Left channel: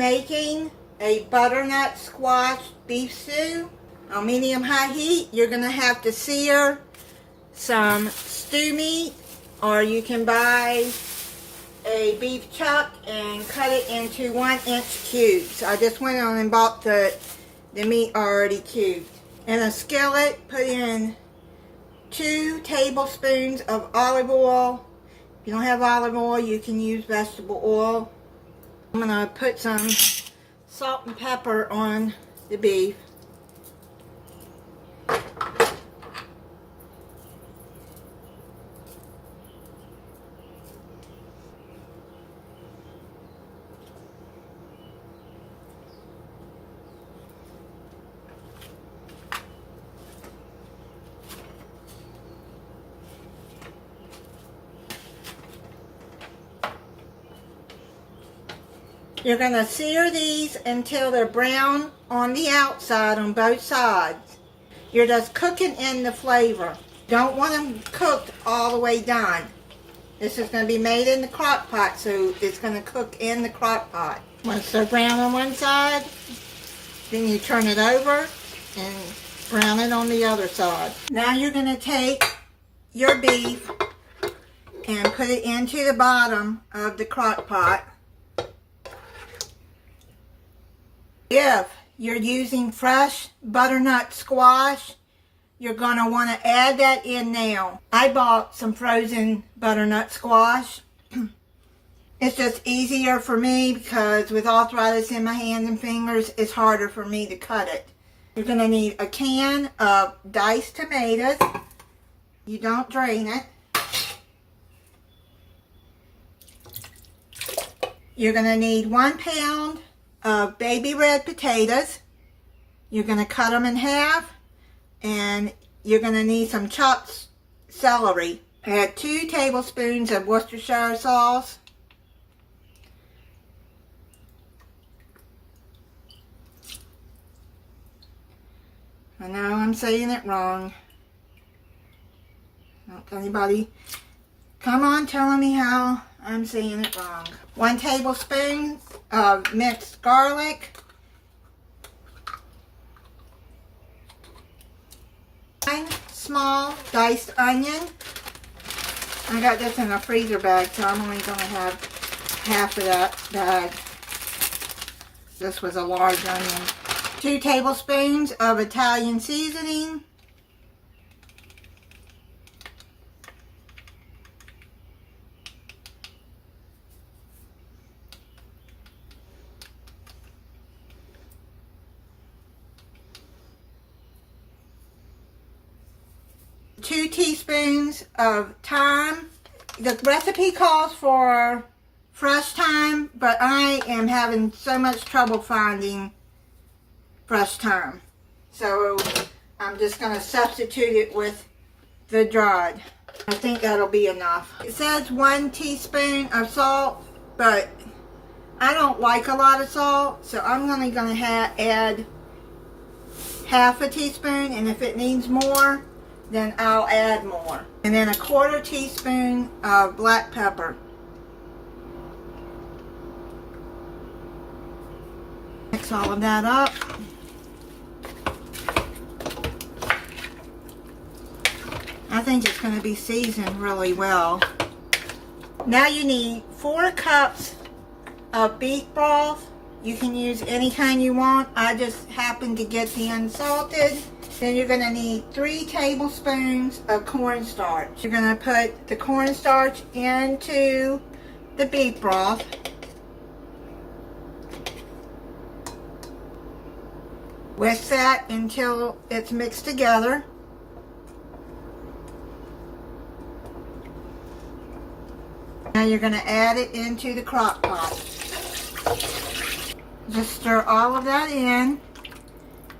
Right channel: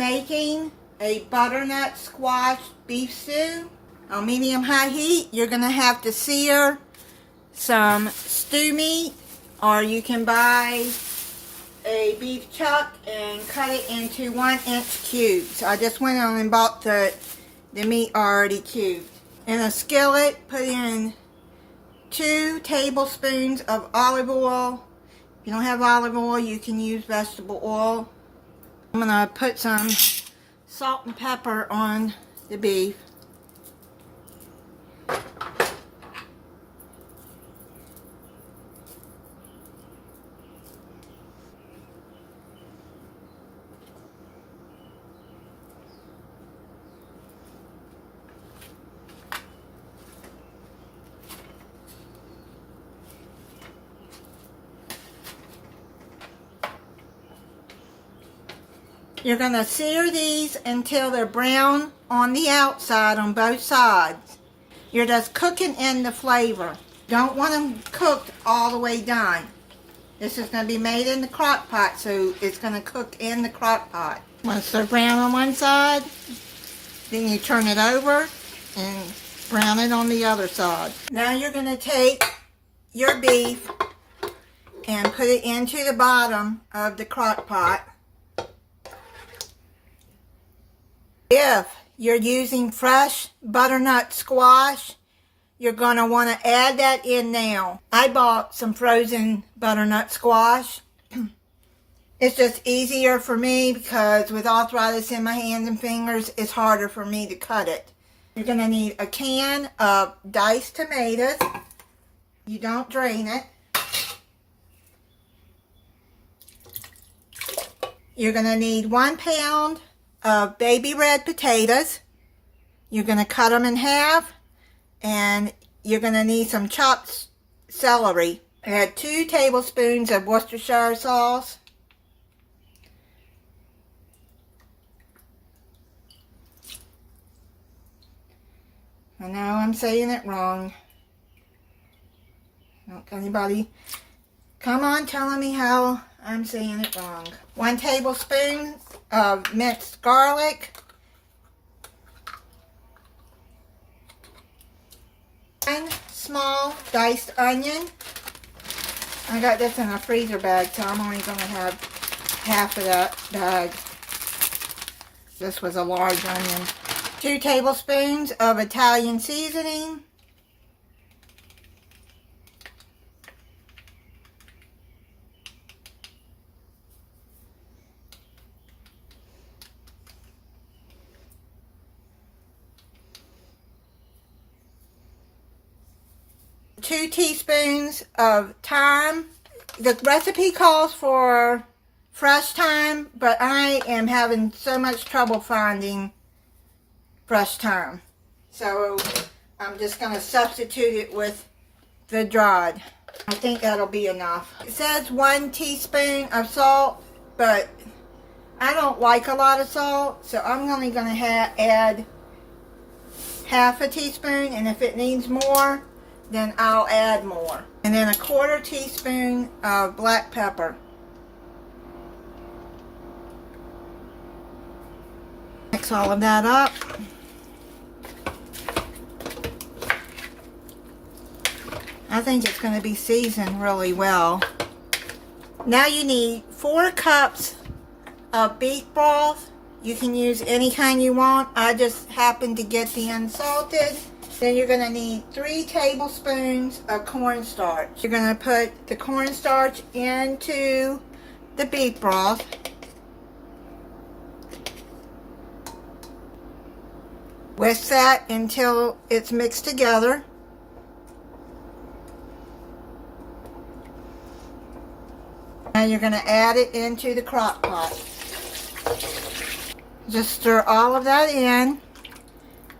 making a butternut squash beef stew on medium-high heat. You're going to have to sear some stew meat, or you can buy a beef chuck and cut it into 1-inch cubes. I just went on and bought the meat already cubed. In a skillet, put in 2 tablespoons of olive oil. If you don't have olive oil, you can use vegetable oil. I'm going to put some salt and pepper on the beef. You're going to sear these until they're brown on the outside on both sides. You're just cooking in the flavor. Don't want them cooked all the way done. This is going to be made in the crock pot, so it's going to cook in the crock pot. Once they're brown on one side, then you turn it over and brown it on the other side. Now you're going to take your beef and put it into the bottom of the crock pot. If you're using fresh butternut squash, you're going to want to add that in now. I bought some frozen butternut squash. It's just easier for me because with arthritis in my hands and fingers, it's harder for me to cut it. You're going to need a can of diced tomatoes. You don't drain it. You're going to need 1 pound of baby red potatoes. You're going to cut them in half, and you're going to need some chopped celery. Add 2 tablespoons of Worcestershire sauce. I know I'm saying it wrong. Don't anybody come on telling me how I'm saying it wrong. 1 tablespoon of minced garlic. 1 small diced onion. I got this in a freezer bag, so I'm only going to have half of that bag. This was a large onion. 2 tablespoons of Italian seasoning. 2 teaspoons of thyme. The recipe calls for fresh thyme, but I am having so much trouble finding fresh thyme. So I'm just going to substitute it with the dried. I think that'll be enough. It says 1 teaspoon of salt, but I don't like a lot of salt, so I'm only going to add half a teaspoon, and if it needs more, then I'll add more. And then 1/4 teaspoon of black pepper. Mix all of that up. I think it's going to be seasoned really well. Now you need 4 cups of beef broth. You can use any kind you want. I just happen to get the unsalted. Then you're going to need 3 tablespoons of cornstarch. You're going to put the cornstarch into the beef broth. Whisk that until it's mixed together. Now you're going to add it into the crock pot. Just stir all of that in.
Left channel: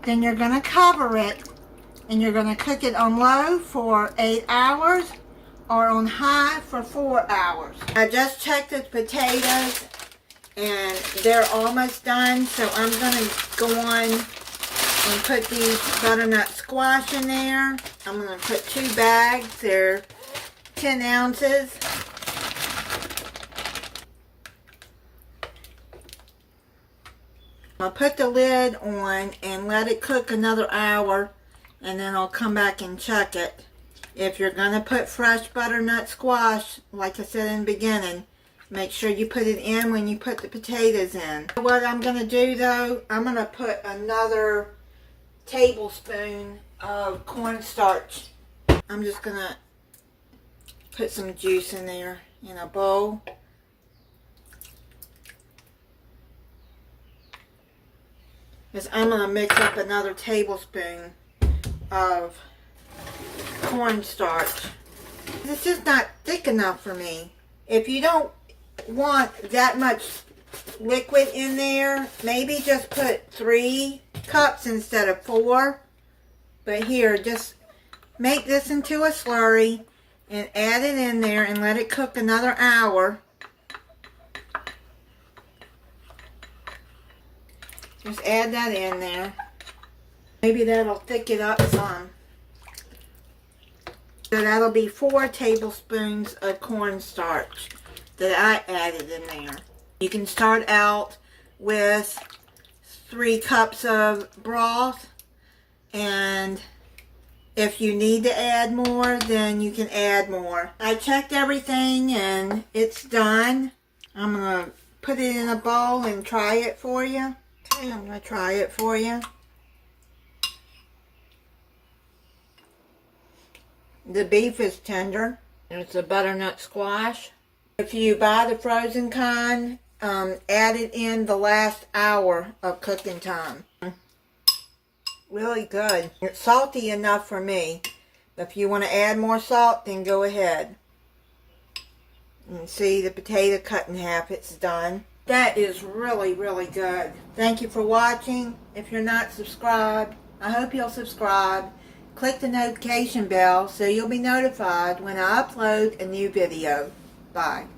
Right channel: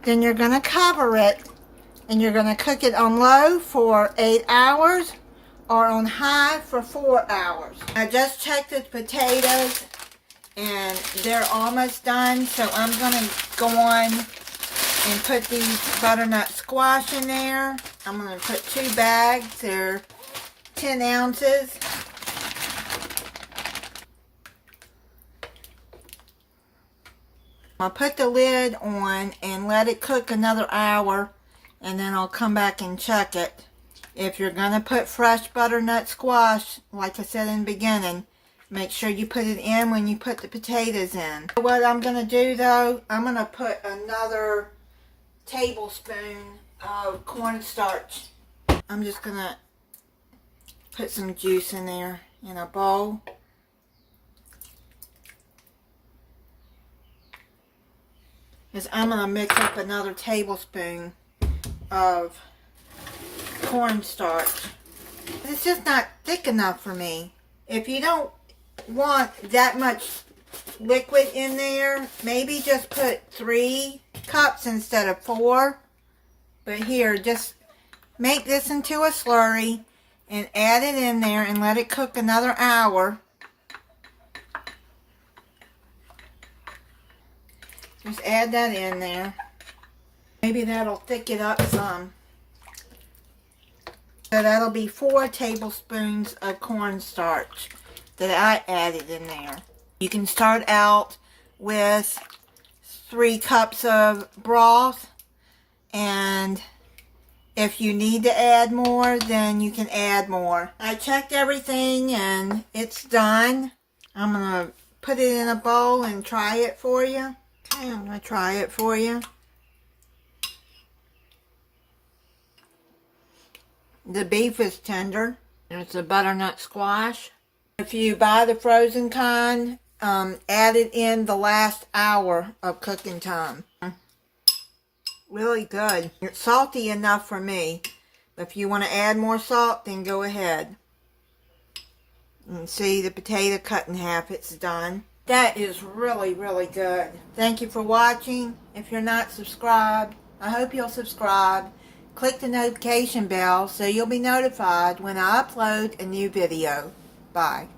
Then you're going to cover it, and you're going to cook it on low for 8 hours or on high for 4 hours. I just checked the potatoes and they're almost done, so I'm going to go on and put these butternut squash in there. I'm going to put 2 bags. They're 10 ounces. I'll put the lid on and let it cook another hour, and then I'll come back and check it. If you're going to put fresh butternut squash, like I said in the beginning, make sure you put it in when you put the potatoes in. What I'm going to do though, I'm going to put another tablespoon of cornstarch. I'm just going to put some juice in there in a bowl. Because I'm going to mix up another tablespoon of cornstarch. It's just not thick enough for me. If you don't want that much liquid in there, maybe just put 3 cups instead of 4. But here, just make this into a slurry and add it in there and let it cook another hour. Just add that in there. Maybe that'll thicken it up some. So that'll be 4 tablespoons of cornstarch that I added in there. You can start out with 3 cups of broth, and if you need to add more, then you can add more. I checked everything and it's done. I'm going to put it in a bowl and try it for you. Okay, I'm going to try it for you. The beef is tender. It's a butternut squash. If you buy the frozen kind, add it in the last hour of cooking time. Really good. It's salty enough for me. If you want to add more salt, then go ahead. You can see the potato cut in half. It's done. That is really, really good. Thank you for watching. If you're not subscribed, I hope you'll subscribe. Click the notification bell so you'll be notified when I upload a new video. Bye.